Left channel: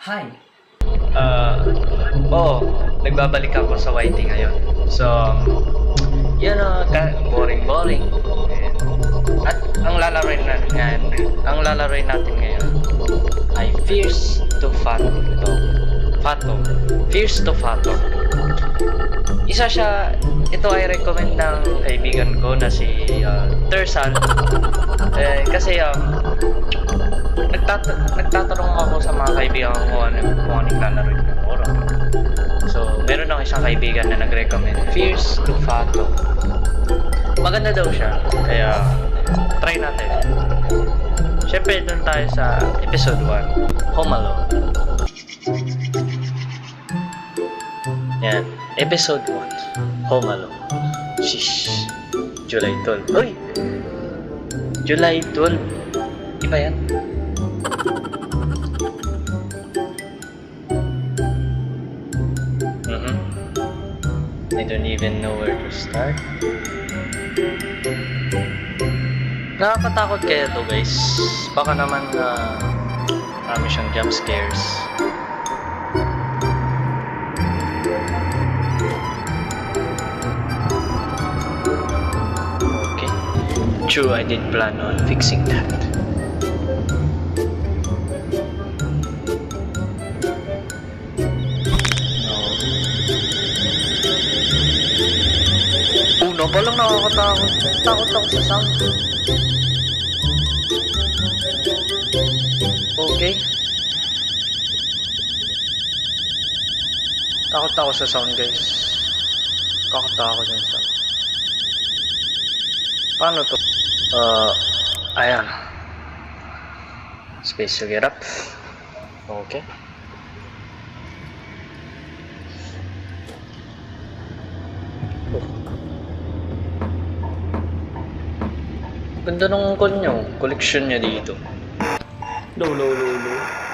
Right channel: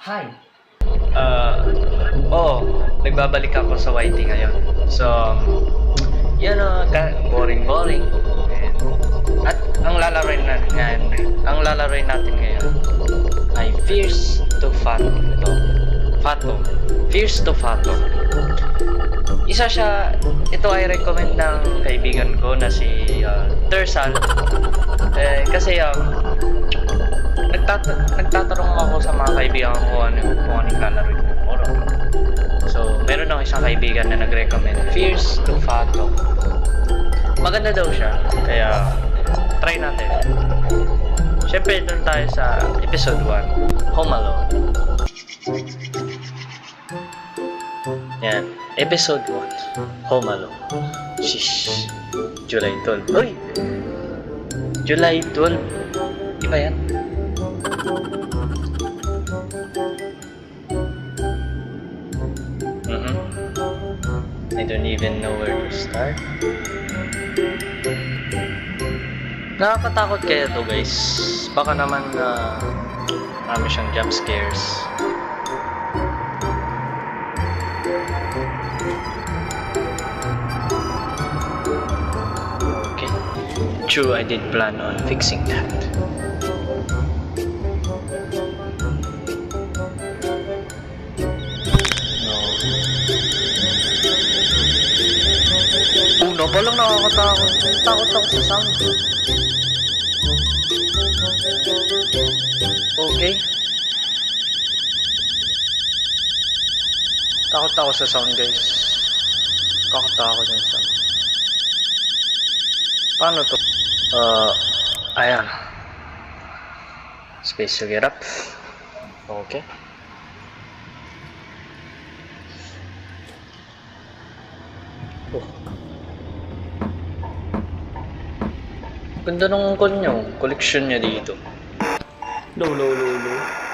Hi. Ah, Oo, nagbabalik ako sa YT ngayon. So, boring-boring. At ang lalaroin natin ngayon ay Fierce to Fato. Fato. Fierce to Fato. Ito ay recommend ng kaibigan ko na si Tersal. Kasi nagtatanong ako sa mga kaibigan ko kung ano yung lalaroin ko oras. So, meron ako isang kaibigan na nag-recommend Fierce to Fato. Maganda daw siya, kaya try natin. Siyempre, doon tayo sa episode 1, Home Alone. Yan, episode 1, Home Alone. Shish, July 12. Uy! July 12. Iba yan. I don't even know where to start. Nakakatakot kaya to, guys. Baka naman marami siyang jump scares. Okay. True, I did plan on fixing that. Una pa lang nakakatakot. Takot ako sa sound. Okay. Takot ako sa sound, guys. Kakatakot yung sound. Paano to? Ayan. Space to get up. Okay. Oh. Ganda ng collection niya dito. Lolo.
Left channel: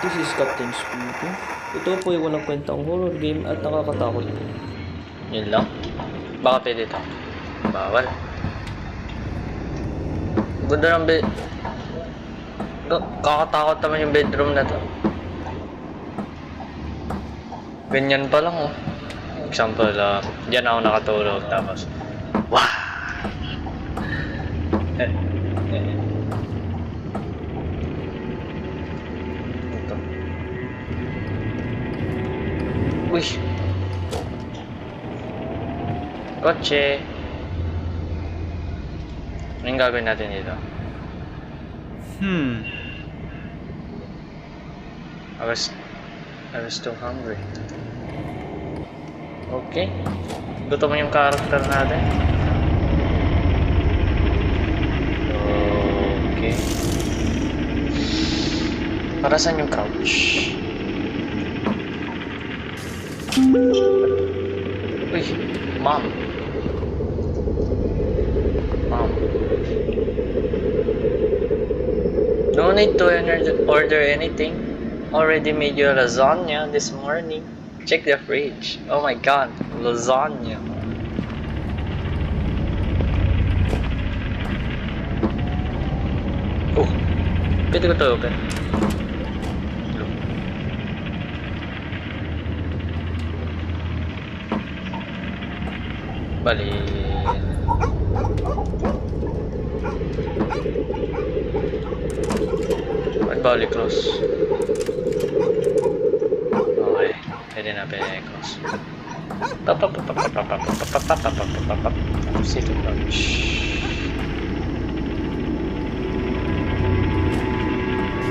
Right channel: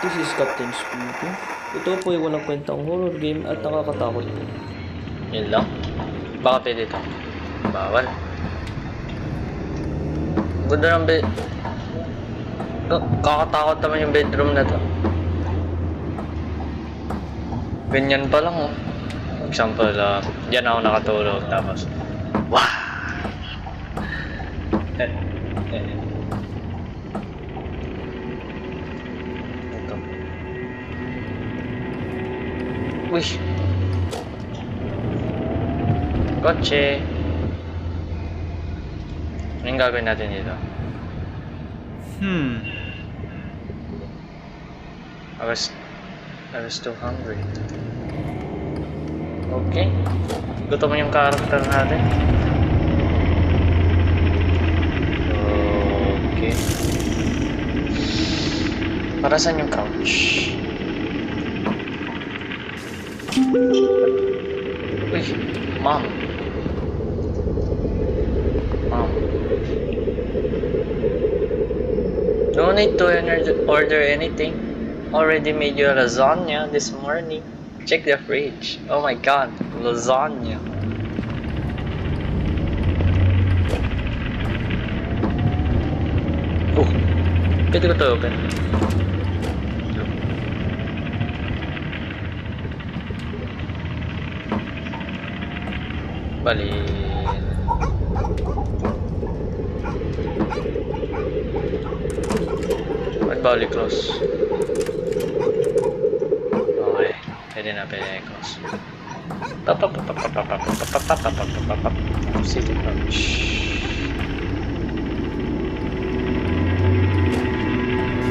This is Captain speaking. Ito po ay walang kwentang horror game at nakakatakot po. Yun lang. Baka pwede ito. Bawal. Ganda ng bed. Kakatakot naman yung bedroom na to. Ganyan pa lang, oh. Example, diyan ako nakatulog, tapos wah! Ito. Uy! Kotse! Anong gagawin natin dito? I was too hungry. Okay. Gutom yung character natin. Okay. Para saan yung couch? Uy! Mom! No need to order anything. Already made you lasagna this morning. Check the fridge. Oh my god, lasagna. Oh, pwede ko to open. Look. Bali. Bali close. Okay. Pwede na close. Sit crouch.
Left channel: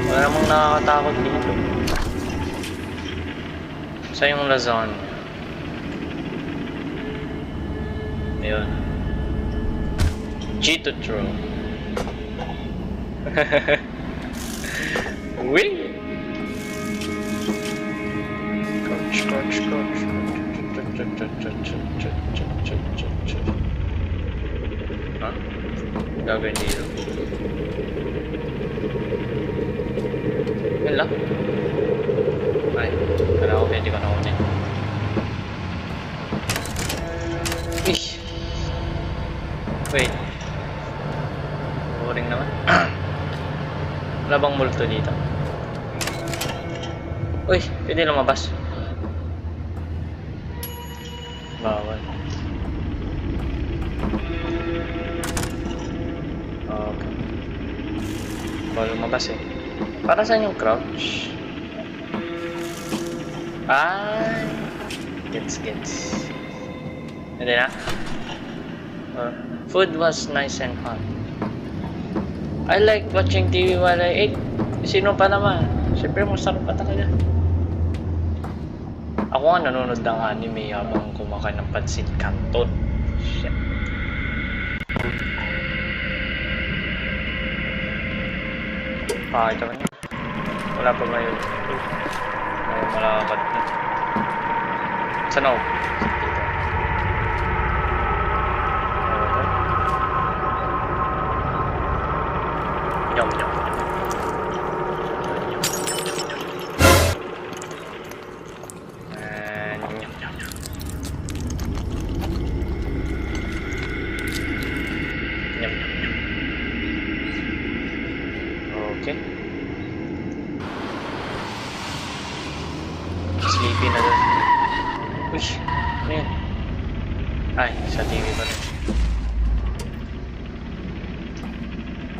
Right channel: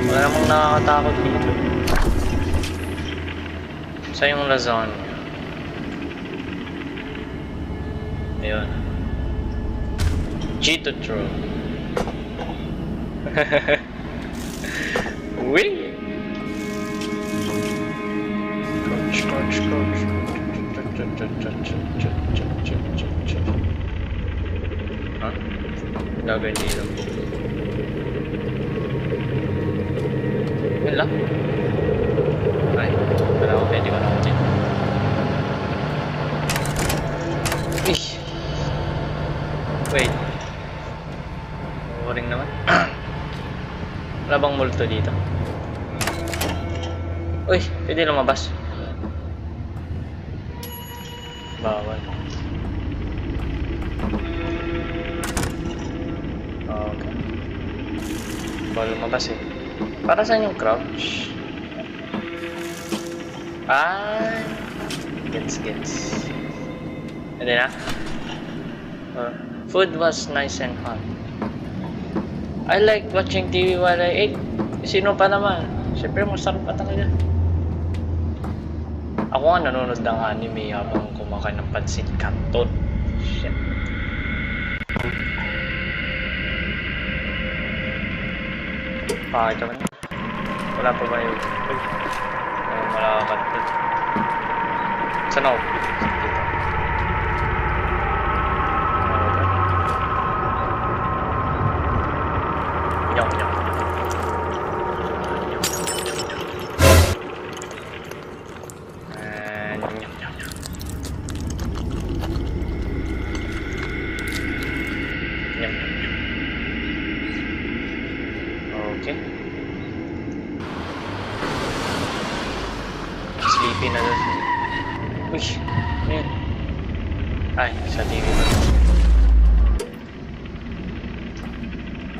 Wala namang nakakatakot dito. Sa yung lasagna. Ayun. G to throw. Wing! Crouch. Huh? Ang gagawin dito? Yun lang? Ay, kala ko pwede ko na unin. Wait. Boring naman. Wala bang multo dito? Uy, pwede lumabas. Bawal. Okay. Bawal lumabas eh. Para saan yung crouch? Ay, gets. Hindi na? Food was nice and hot. I like watching TV while I ate. Sino pa naman? Siyempre masarap pa talaga. Ako nga nanonood ng anime habang kumakain ng pansit canton. Shit. Pakita ko niya. Wala pa ba yung... Uy. May malakad na. Saan ako? Dito. Okay. Nyam. Nyam. Okay. Sleepy na daw. Uy! Ano yun? Ay, sa TV pa rin.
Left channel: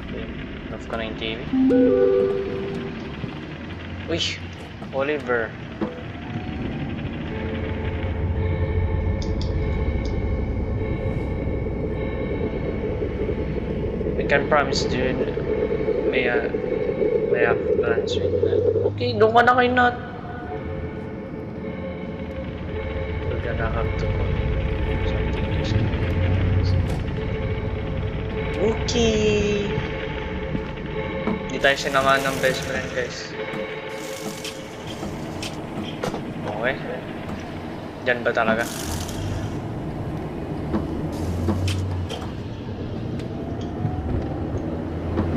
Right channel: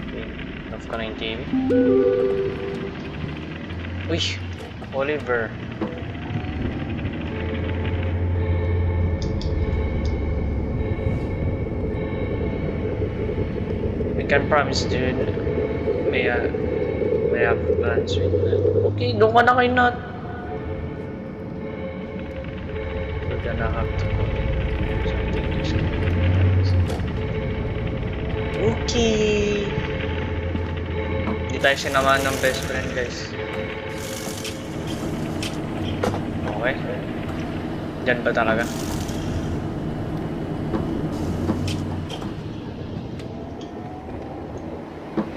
Okay. Off ko na yung TV. Uy! Oliver. I can promise, dude. May have plans with that. Okay, doon ka na kay Nat. We're gonna have to call it something just okay. Hindi tayo sinamahan ng best friend, guys. Okay. Diyan ba talaga?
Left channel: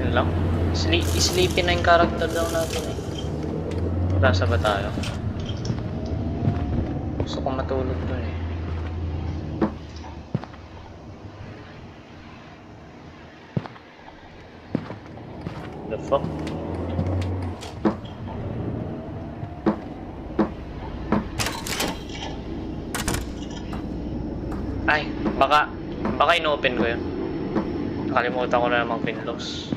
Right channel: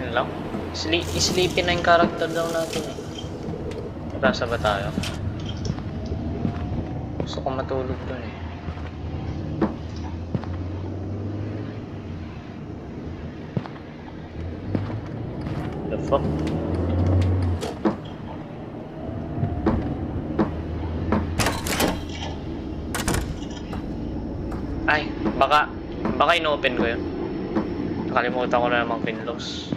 Yun lang. Sleepy na yung character daw natin eh. Matasa ba tayo? Gusto ko matulog dun eh. The fuck? Ay, baka ino-open ko yun. Nakalimutan ko na namang pinlose.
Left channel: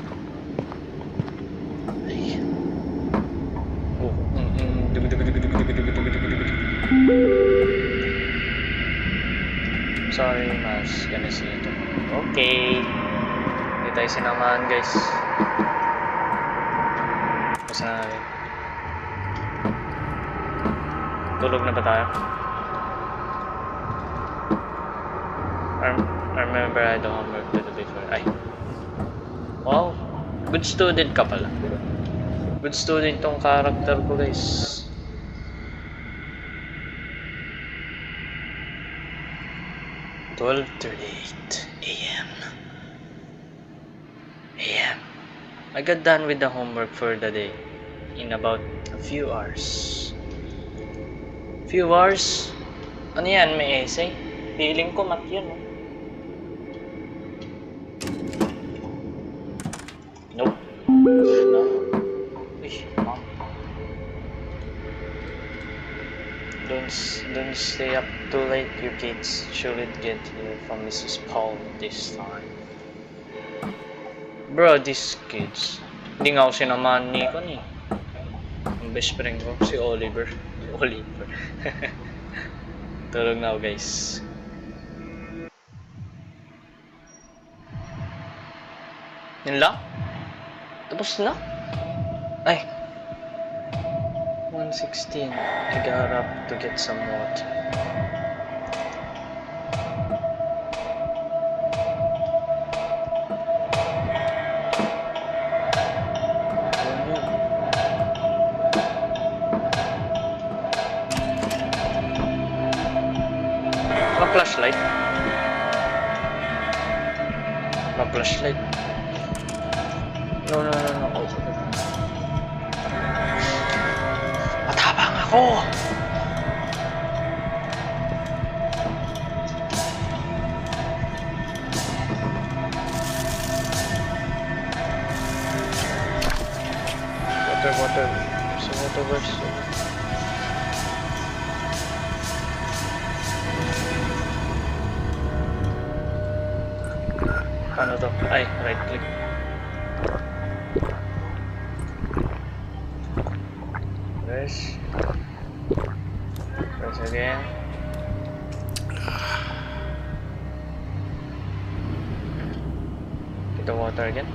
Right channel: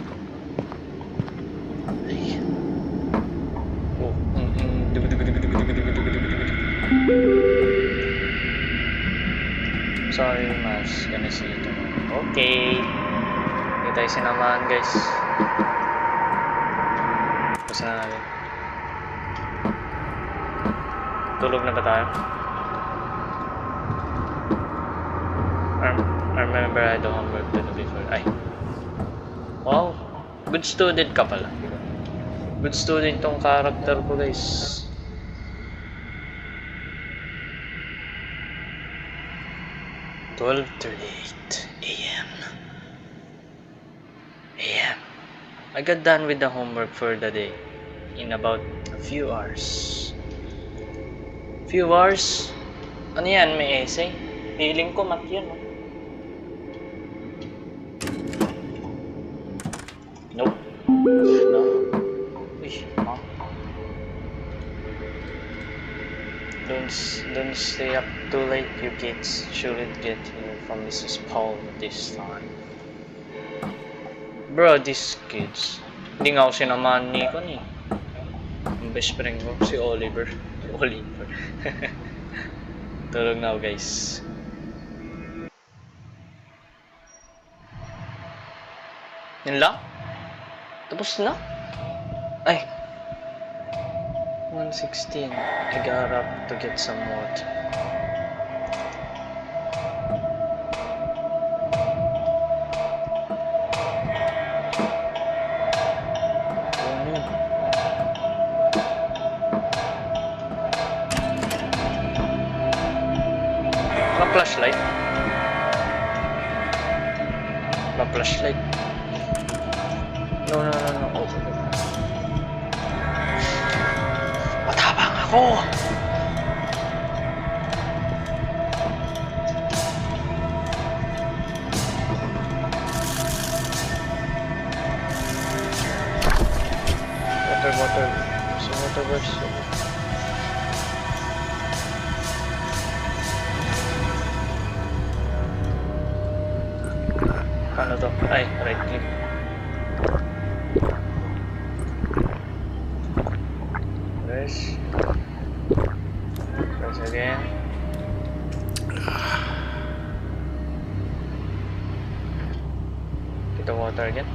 Oh, sorry, mas gonna see you tomorrow. Okay. Hindi tayo sinamahan, guys. Basta na natin. Tulog na ba tayo? I remember I had the homework to do before. Ay. Wow. Good student ka pala. Good student tong character ko, guys. AM. I got done with the homework for the day in about a few hours. Few hours? Ano yan? May essay? Feeling ko mat yun, no? Nope. No. Uy, mom. Don't stay up too late, you kids. Should get here from Mrs. Paul this time. Bro, these kids. Hindi nga ako sinamahan ni Kon eh. Ang best friend ko, si Oliver. Tulog na ako, guys. Yun lang? Tapos na? Ay. 1:16. I got up to get some water. Ano yun? Walang flashlight? Walang flashlight? No. Oh, matapang ako! Water. So water burst. Paano to? Ay, right click. Press. Press again. Get the water again.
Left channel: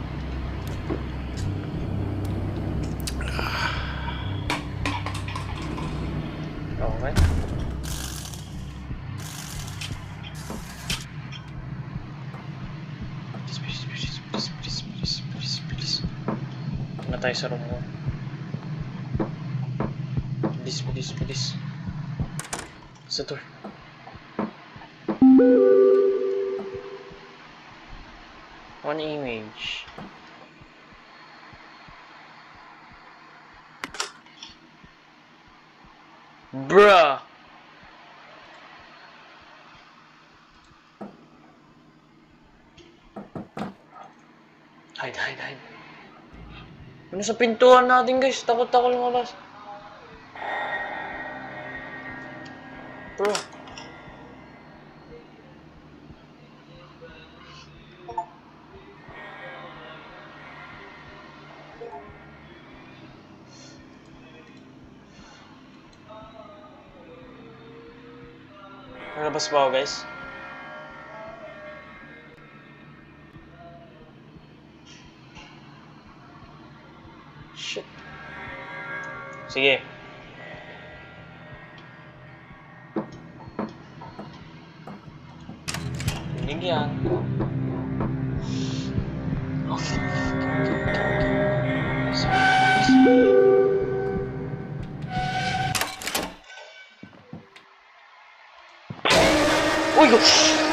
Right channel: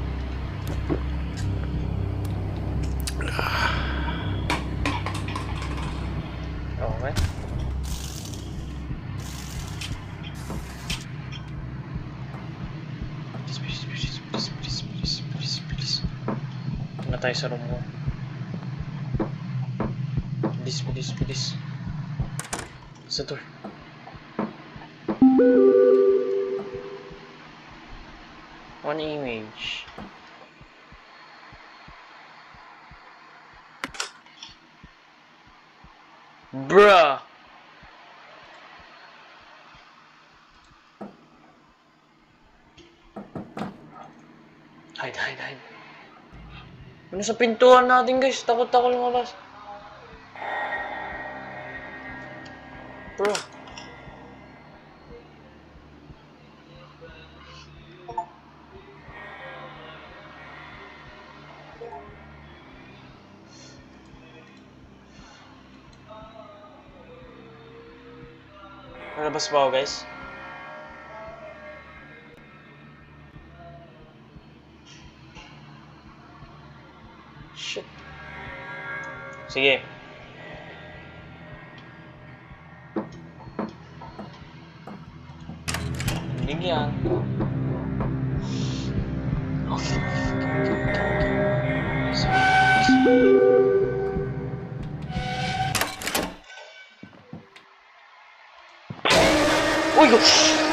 Okay. Bilis. Na tayo sa room ko. Bilis. Sa door. One image. Bruh! Hide. Ano sa pintuan natin, guys? Takot ako lumabas. Bro. Nalabas ba ako, guys? Shit. Sige. Tindig yan. Okay. Yes. Uy!